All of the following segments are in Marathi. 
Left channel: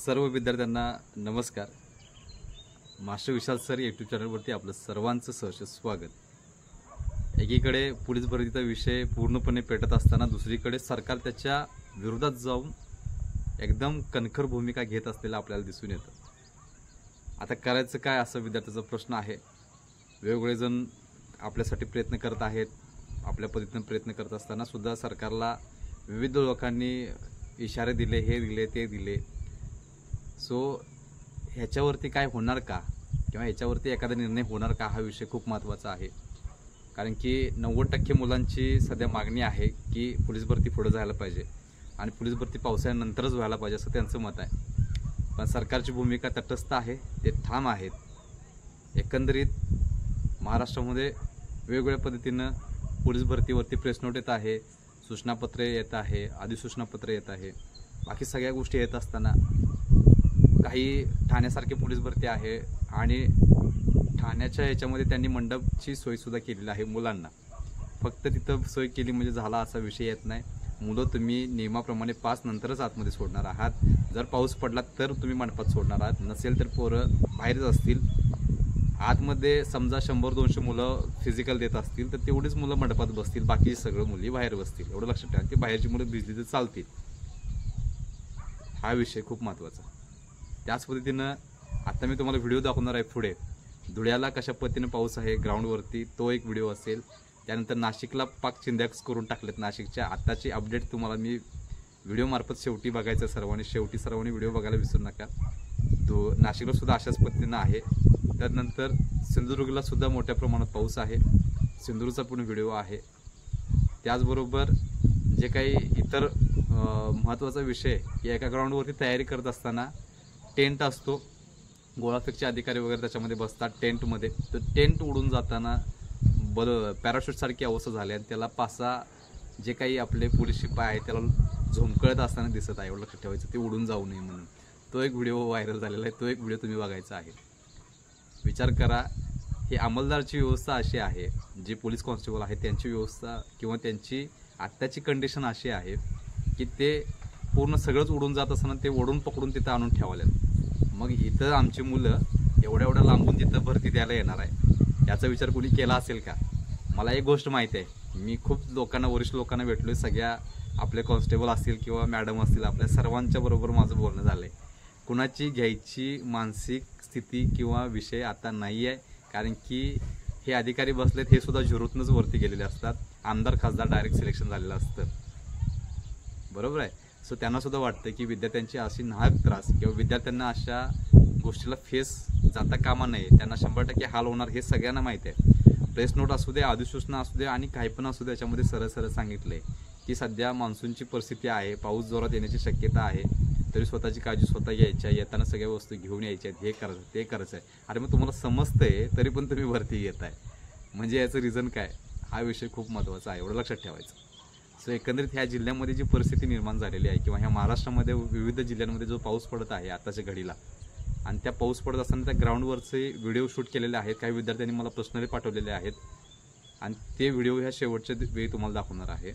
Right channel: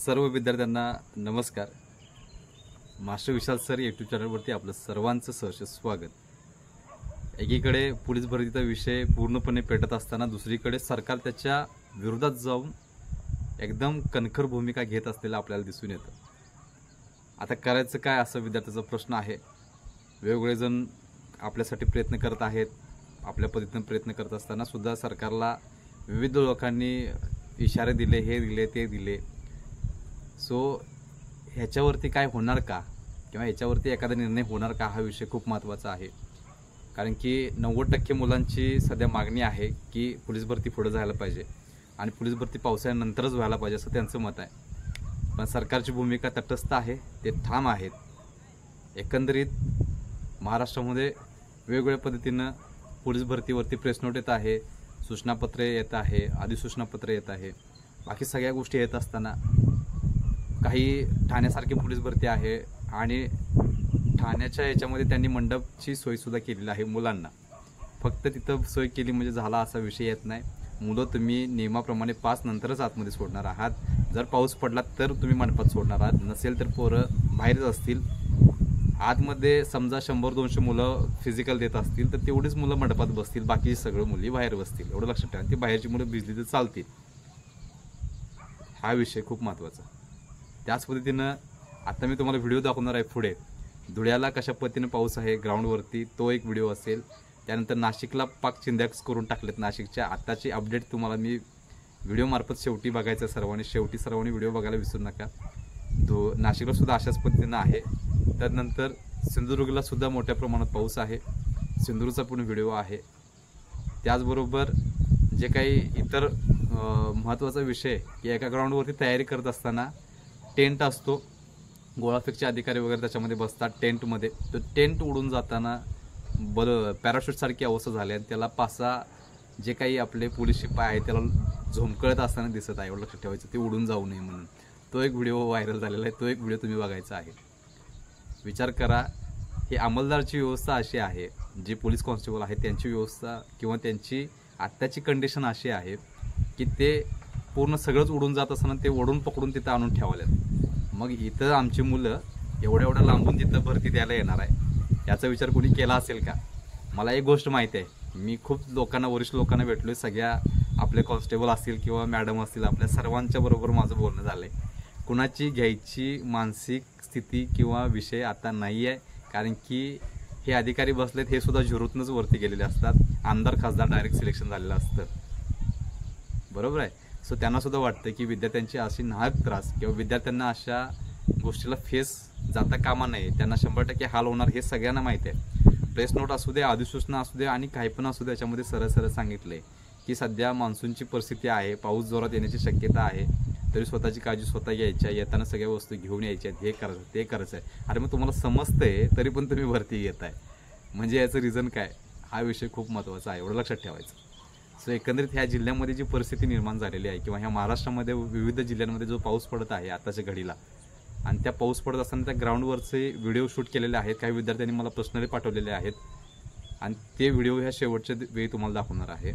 सर्व विद्यार्थ्यांना नमस्कार। मास्टर विशाल सर यूट्यूब चॅनलवरती आपलं सर्वांचं सहर्ष स्वागत। एकीकडे पोलीस भरतीचा विषय पूर्णपणे पेटत असताना दुसरीकडे सरकार त्याच्या विरोधात जाऊन एकदम कणखर भूमिका घेत असलेलं आपल्याला दिसून येतं। आता करायचं काय असं विद्यार्थ्याचा प्रश्न आहे। वेगवेगळे जण आपल्यासाठी प्रयत्न करत आहेत, आपल्या पद्धतीने प्रयत्न करत असताना सुद्धा सरकारला विविध लोकांनी इशारे दिले, हे दिले ते दिले। सो ह्याच्यावरती काय होणार का किंवा ह्याच्यावरती एखादा निर्णय होणार का हा विषय खूप महत्त्वाचा आहे। कारण की 90% मुलांची सध्या मागणी आहे की पोलीस भरती पुढे जायला पाहिजे आणि पोलीस भरती पावसाळ्यानंतरच व्हायला पाहिजे असं त्यांचं मत आहे। पण सरकारची भूमिका तटस्थ आहे, ते ठाम आहेत। एकंदरीत महाराष्ट्रामध्ये वेगवेगळ्या पद्धतीनं पोलीस भरतीवरती प्रेस नोट येत आहे, सूचनापत्रे येत आहे, अधिसूचनापत्रे येत आहे, बाकी सगळ्या गोष्टी येत असताना काही ठाण्यासारखी पोलीस भरती आहे आणि ठाण्याच्या याच्यामध्ये त्यांनी मंडपची सोयसुद्धा केलेली आहे मुलांना। फक्त तिथं सोय केली म्हणजे झाला असा विषय येत नाही। मुलं तुम्ही नियमाप्रमाणे 5 नंतरच आतमध्ये सोडणार आहात। जर पाऊस पडला तर तुम्ही मंडपात सोडणार आहात, नसेल तर पोरं बाहेरच असतील। आतमध्ये समजा 100-200 मुलं फिजिकल देत असतील तर तेवढीच मुलं मंडपात बसतील, बाकी सगळं मुली बाहेर बसतील। एवढं लक्षात ठेवा, ती बाहेरची मुलं भिजली तर चालतील। हा विषय खूप महत्त्वाचा। त्याच पद्धतीनं आता मी तुम्हाला व्हिडिओ दाखवणार आहे पुढे। धुळ्याला कशा पद्धतीने पाऊस आहे ग्राउंडवरती तो एक व्हिडिओ असेल। त्यानंतर नाशिकला पाक चिंध्याक्स करून टाकलेत। नाशिकच्या आत्ताची अपडेट तुम्हाला मी व्हिडिओमार्फत शेवटी बघायचं सर्वांनी व्हिडिओ बघायला विसरू नका। नाशिकला सुद्धा अशाच पद्धतीनं आहे। त्यानंतर सिंधुदुर्गला सुद्धा मोठ्या प्रमाणात पाऊस आहे, सिंधुदुर्गचा पण व्हिडिओ आहे। त्याचबरोबर जे काही इतर महत्त्वाचा विषय की एका ग्राउंडवरती तयारी करत असताना टेंट असतो, गोळाफेकचे अधिकारी वगैरे त्याच्यामध्ये बसतात टेंटमध्ये। तो टेंट उडून जाताना पॅराशूटसारखी अवस्था झाली आणि त्याला 5-6 जे काही आपले पोलीस शिपाई आहेत त्याला झोमकळत असताना दिसत आहे। एवढं लक्षात ठेवायचं, ते उडून जाऊ नये म्हणून। तो एक व्हिडिओ व्हायरल झालेला आहे, तो एक व्हिडिओ तुम्ही बघायचा आहे। विचार करा, ही अंमलदारची व्यवस्था अशी आहे, जे पोलीस कॉन्स्टेबल आहेत त्यांची व्यवस्था किंवा त्यांची आत्ताची कंडिशन अशी आहे की ते पूर्ण सगळंच उडून जात असताना ते ओढून पकडून तिथं आणून ठेवालेत। मग इथं आमची मुलं एवढ्या लांबून तिथं भरती द्यायला येणार आहे, याचा विचार कोणी केला असेल का? मला एक गोष्ट माहिती आहे, मी खूप लोकांना, वरिष्ठ लोकांना भेटलोय, सगळ्या आपले कॉन्स्टेबल असतील किंवा मॅडम असतील, आपल्या सर्वांच्या बरोबर माझं बोलणं झालं आहे। कुणाची घ्यायची मानसिक स्थिती किंवा विषय आता नाही आहे, कारण की हे अधिकारी बसलेत हे सुद्धा झुरूतनंच वरती गेलेले असतात। आमदार खासदार डायरेक्ट सिलेक्शन झालेलं असतं, बरोबर आहे। सो त्यांना सुद्धा वाटतं की विद्यार्थ्यांची अशी नाहक त्रास किंवा विद्यार्थ्यांना अशा गोष्टीला फेस जाता कामा नये, त्यांना 100% हाल होणार हे सगळ्यांना माहिती आहे। प्रेस नोट असू दे, अधिसूचना असू दे आणि काही पण असू दे, याच्यामध्ये सरळ सांगितलं आहे की सध्या मान्सूनची परिस्थिती आहे, पाऊस जोरात येण्याची शक्यता आहे, तरी स्वतःची काळजी स्वतः घ्यायची, येताना सगळ्या वस्तू घेऊन यायच्या आहेत, हे करायचं ते करायचं आहे। अरे मग तुम्हाला समजतंय तरी पण तुम्ही भरती घेत आहे, म्हणजे याचं रिझन काय? हा विषय खूप महत्त्वाचा आहे, एवढं लक्षात ठेवायचं। सो एकंदरीत ह्या जिल्ह्यामध्ये जी परिस्थिती निर्माण झालेली आहे किंवा ह्या महाराष्ट्रामध्ये विविध जिल्ह्यांमध्ये जो पाऊस पडत आहे आताच्या घडीला, आणि त्या पाऊस पडत असताना त्या ग्राउंडवरचे व्हिडिओ शूट केलेले आहेत, काही विद्यार्थ्यांनी मला पर्सनली पाठवलेले आहेत आणि ते व्हिडिओ ह्या शेवटच्या वेळी तुम्हाला दाखवणार आहे।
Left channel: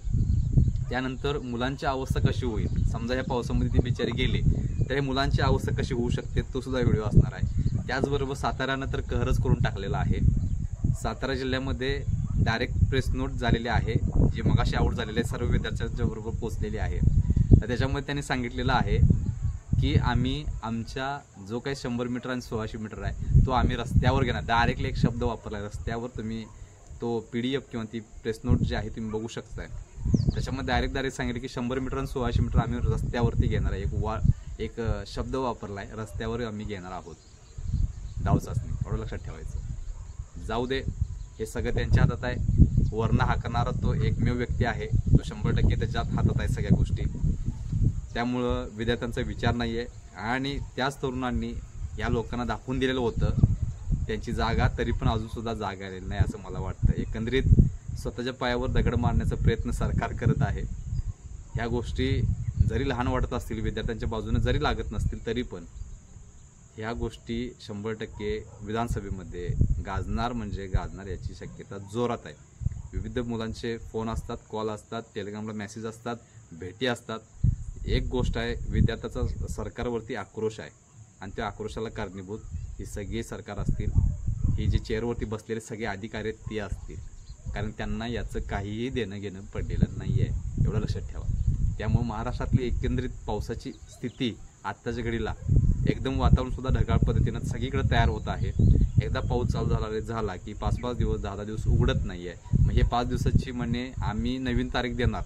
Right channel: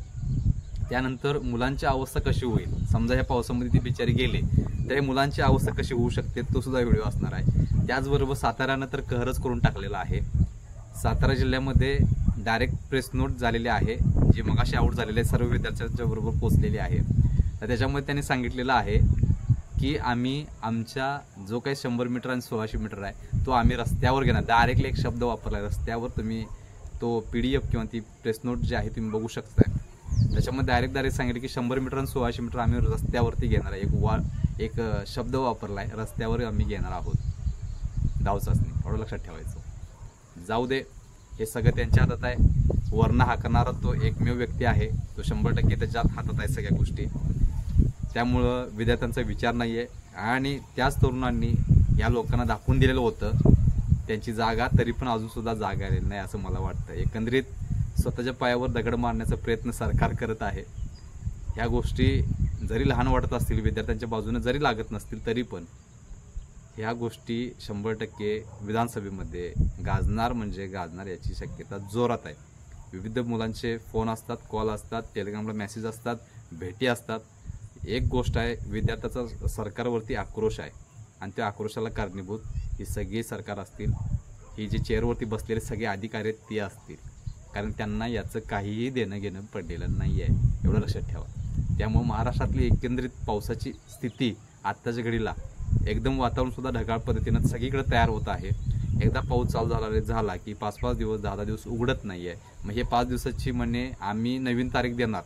त्यानंतर मुलांची अवस्था कशी होईल, समजा ह्या पावसामध्ये ती बिचारी गेले तर मुलांची अवस्था कशी होऊ शकते, तो सुद्धा व्हिडिओ असणार आहे। त्याचबरोबर साताऱ्यानं तर कहरच करून टाकलेला आहे। सातारा जिल्ह्यामध्ये डायरेक्ट प्रेस नोट झालेली आहे, जी मगाशी आऊट झालेले सर्व विद्यार्थ्यांच्या बरोबर पोहोचलेली आहे। तर त्याच्यामध्ये त्यांनी सांगितलेलं आहे की आम्ही आमच्या जो काही 100 मीटर आणि 1600 मीटर आहे तो आम्ही रस्त्यावर घेणार। डायरेक्टली एक शब्द वापरला आहे रस्त्यावर। तुम्ही तो PDF किंवा ती प्रेस नोट जी आहे तुम्ही बघू शकताय, त्याच्यामध्ये डायरेक्ट सांगितलं की 100 मीटर आणि 1600 मीटर आम्ही रस्त्यावरती घेणार आहे। एक शब्द वापरला आहे, रस्त्यावर आम्ही घेणार आहोत धाव चाचणी, एवढं लक्षात ठेवायचं। जाऊ दे, हे सगळं त्यांच्या हातात आहे। वर्ण हाकणारा तो एकमेव व्यक्ती आहे, तो 100% त्याच्या हातात आहे सगळ्या गोष्टी। त्यामुळं विद्यार्थ्यांचा विचार नाही आहे आणि त्याच तरुणांनी या लोकांना दाखवून दिलेलं होतं त्यांची जागा, तरी पण अजूनसुद्धा जागा आलेली नाही असं मला वाटतं। एकंदरीत स्वतःच्या पायावर दगड मारण्याचा प्रयत्न सरकार करत आहे। ह्या गोष्टी जरी लहान वाटत असतील, विद्यार्थ्यांच्या बाजूने जरी लागत नसतील, तरी पण ह्या गोष्टी 100% विधानसभेमध्ये गाजणार म्हणजे गाजणार याची शक्यता जोरात आहे। विविध मुलांचे फोन असतात, कॉल असतात, टेलिग्रामला मेसेज असतात, भेटी असतात। एक गोष्ट आहे, विद्यार्थ्याचा सरकारवरती आक्रोश आहे आणि त्या आक्रोशाला कारणीभूत ही सगळी सरकार असतील, ही जी चेअरवरती बसलेले सगळे अधिकारी आहेत ते असतील, कारण त्यांना याचं काहीही देणं घेणं पडलेलं नाही आहे, एवढं लक्षात ठेवा. त्यामुळे महाराष्ट्रातली एकंदरीत पावसाची स्थिती आत्ताच्या घडीला एकदम वातावरणसुद्धा ढगाळ पद्धतीनं सगळीकडे तयार होत आहे. एकदा पाऊस चालू झाला की 5-5 दिवस 10-10 दिवस उघडत नाही आहे. मग हे 5 दिवसाची म्हणे आम्ही नवीन तारीख देणार.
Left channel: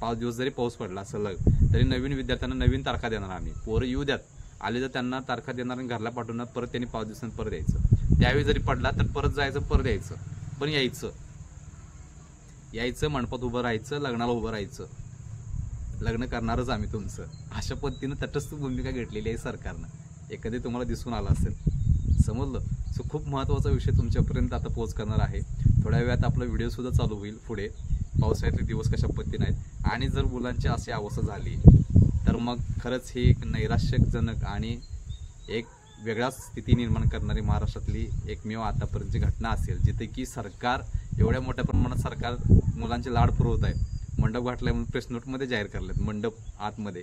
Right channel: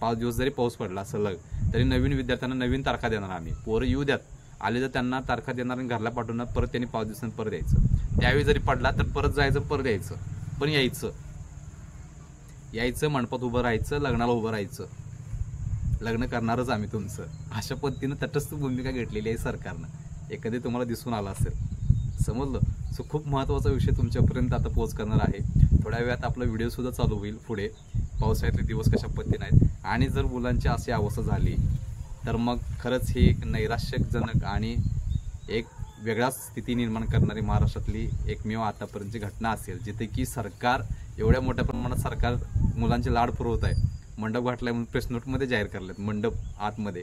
5 दिवस जरी पाऊस पडला सलग तरी नवीन विद्यार्थ्यांना नवीन तारखा देणार आम्ही. पोरं येऊ द्यात, आले तर त्यांना तारखा देणार आणि घरला पाठवणार, परत त्यांनी 5 दिवसांनी परत यायचं. त्यावेळी जरी पडला तर परत जायचं, परत यायचं, पण यायचं मंडपात उभं राहायचं, लग्नाला उभं राहायचं, लग्न करणारच आम्ही तुमचं, अशा पद्धतीनं तटस्थ भूमिका घेतलेली आहे सरकारनं. एखादी तुम्हाला दिसून आला असेल, समजलं. सो खूप महत्त्वाचा विषय तुमच्यापर्यंत आता पोहोच करणार आहे. थोड्या वेळात आपला व्हिडिओसुद्धा चालू होईल पुढे, पावसाळ्यातले दिवस कशा पद्धतीने आहेत. आणि जर मुलांची अशी अवस्था झाली तर मग खरंच ही एक नैराश्यजनक आणि एक वेगळाच स्थिती निर्माण करणारी महाराष्ट्रातली एकमेव आतापर्यंतची घटना असेल, जिथे की सरकार एवढ्या मोठ्या प्रमाणात सरकार मुलांचे लाड पुरवत आहे. मंडप घातलाय म्हणून प्रेस नोटमध्ये जाहीर करलेत, मंडप आतमध्ये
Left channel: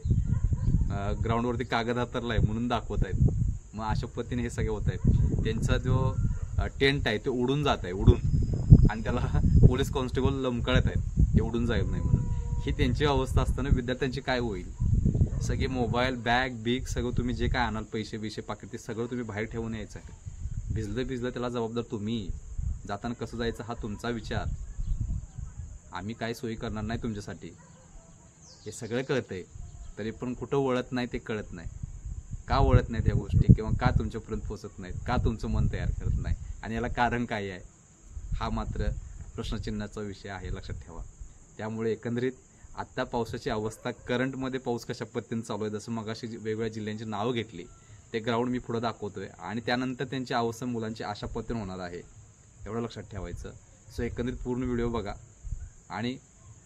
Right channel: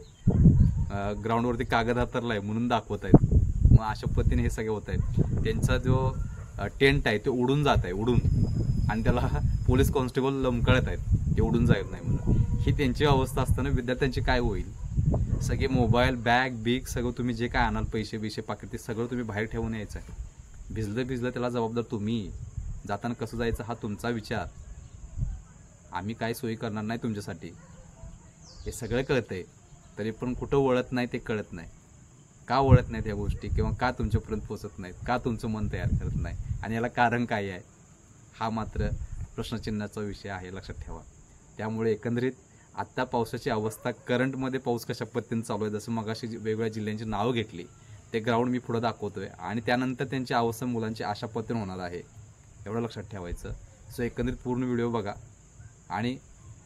ग्राउंडवरती कागद हातरलाय म्हणून दाखवत आहेत. मग अशा पद्धतीने हे सगळे होत आहेत. त्यांचा जो टेंट आहे ते उडून जात आहे, उडून, आणि त्याला पोलीस कॉन्स्टेबल लमकळत आहेत ते उडून जाईल नाही म्हणून. ही त्यांची अवस्था असताना विद्यार्थ्यांची काय होईल? सगळे मोबाईल, बॅग सगळं तुम्ही जे काय आणाल, पैसे पाकिट, ते सगळं तुम्ही बाहेर ठेवून यायचं आहे. भिजलं त्याला जबाबदार तुम्ही. जाताना कसं जायचं हा तुमचा विचार. आम्ही काय सोयी करणार नाही तुमच्यासाठी, हे सगळं कळतंय, तरी पण कुठं वळत नाही ते कळत नाही. का वळत नाहीत ह्या गोष्टी, किंवा का तुमच्यापर्यंत पोचत नाहीत, का तुमचं मन तयार करत नाही, आणि याला कारण काय आहे, हा मात्र प्रश्नचिन्हाचा विषय आहे, लक्षात ठेवा. त्यामुळे एकंदरीत आत्ता पावसाची अवस्था, करंटमध्ये पाऊस कशा पद्धतीने चालू आहे, जसं मगाशी वेगवेगळ्या जिल्ह्यांची नावं घेतली, ते ग्राउंड मी पुढं दाखवतोय, आणि त्यानंतर त्यांची अवस्था मुलांची अशा पद्धतीने होणार आहे, एवढं लक्षात ठेवायचं. सो एकंदरीत पूर्ण व्हिडिओ बघा, आणि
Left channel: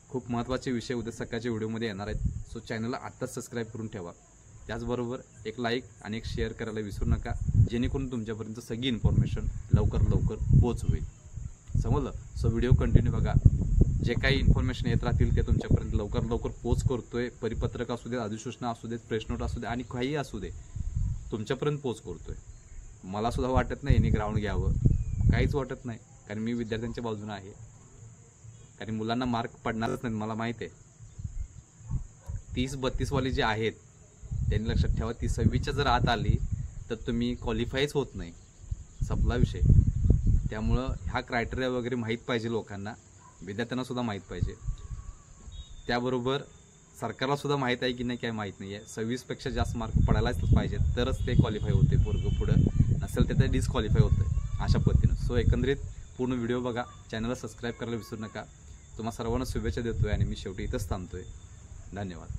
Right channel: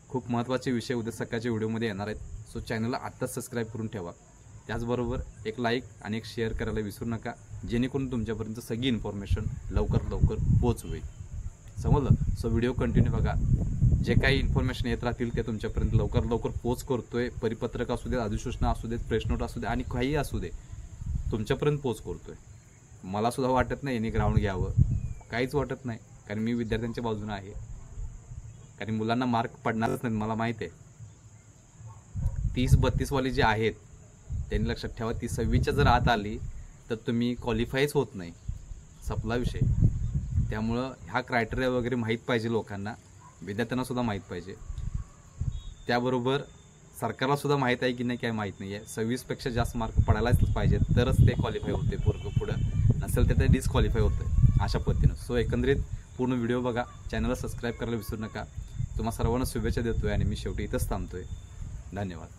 खूप महत्त्वाचे विषय उद्या सकाळच्या व्हिडिओमध्ये येणार आहेत. सो चॅनलला आत्ताच सबस्क्राईब करून ठेवा. त्याचबरोबर एक लाईक आणि एक शेअर करायला विसरू नका, जेणेकरून तुमच्यापर्यंत सगळी इन्फॉर्मेशन लवकर पोच होईल. समजलं. सो व्हिडिओ कंटिन्यू बघा. जे काही इन्फॉर्मेशन येत राहतील ते तुमच्यापर्यंत लवकर पोच करतोय. परिपत्रक असू देत, अधिसूचना असू देत, प्रेस नोट असू दे, आणि काहीही असू दे, तुमच्यापर्यंत पोच करतोय. मला सुद्धा वाटत नाही यांनी ग्राउंड घ्यावं, काहीच वाटत नाही, कारण मी विद्यार्थ्यांच्या बाजूने आहे. कारण मुलांना मार्क पडणारच नाहीत, मला माहीत आहे. 30-32 वाली जे आहेत त्यांनी लक्षात ठेवा, ती 26च्या जर आत आली तर तुम्ही क्वालिफायच होत नाही, संपला विषय. त्यामुळं ह्या क्रायटेरिया वगैरे माहीत पाहिजे लोकांना, विद्यार्थ्यांना सुद्धा माहीत पाहिजे. त्याबरोबर सरकारला सुद्धा माहीत आहे की नाही काय माहीत नाही आहे. 26पेक्षा जास्त मार्क पडायलाच पाहिजे, तरच ते क्वालिफाय होते पोरगं पुढं, नसेल तर ते डिस्क्वालिफाय होतं, अशा पद्धतीनं. सो एकंदरीत पूर्ण व्हिडिओ बघा, चॅनलला सबस्क्राईब करायला विसरू नका. तुम्हा सर्वांना शुभेच्छा देतोय, आणि मी शेवटी इथंच थांबतोय. धन्यवाद.